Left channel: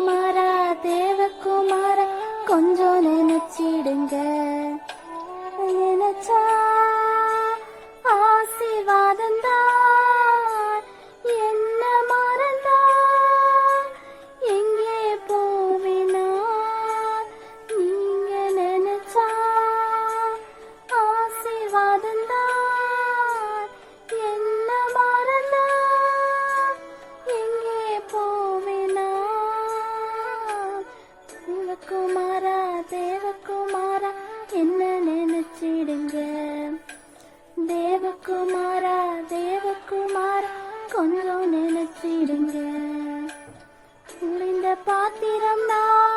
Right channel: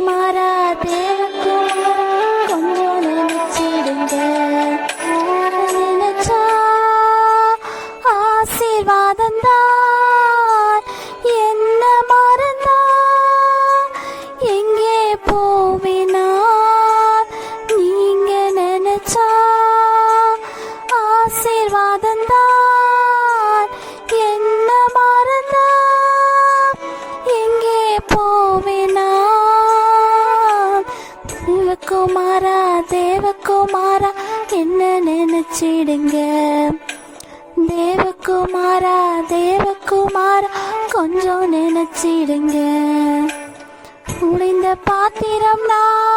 தேவகுமாரா தேவகுமாரா கொஞ்சம் நினைச்சிடுங்க. நினைச்சா ஆசீர்வாதம் தான். குமாரா தேவகுமாரா என்ன நினைச்சிடுங்க? தேவகுமாரா தேவகுமாரா கொஞ்சம் நினைச்சிடுங்க. முடிந்த பாத்திரம் நான்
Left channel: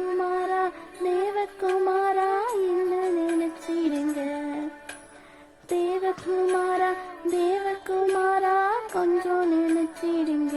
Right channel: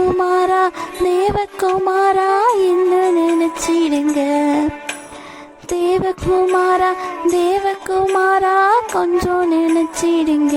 குமாரா தேவகுமாரா என்ன நினைச்சிடுங்க? தேவகுமாரா தேவகுமாரா கொஞ்சம் நினைச்சிடுங்க.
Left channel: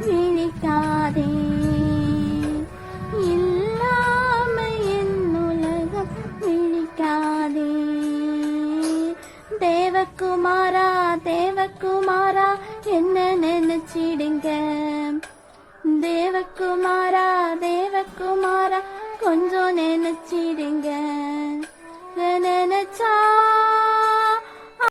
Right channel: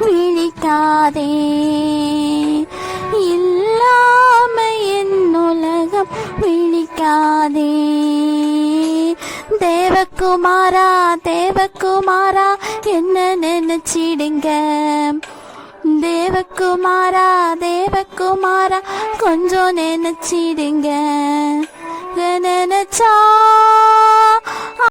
விழிக்காதே இல்லாம என் உலகம் விழிக்காதே. தேவகுமாரா தேவகுமாரா என்ன நினைச்சிடுங்க? தேவகுமாரா தேவகுமாரா கொஞ்சம் நினைச்சிடுங்க. நினைச்சா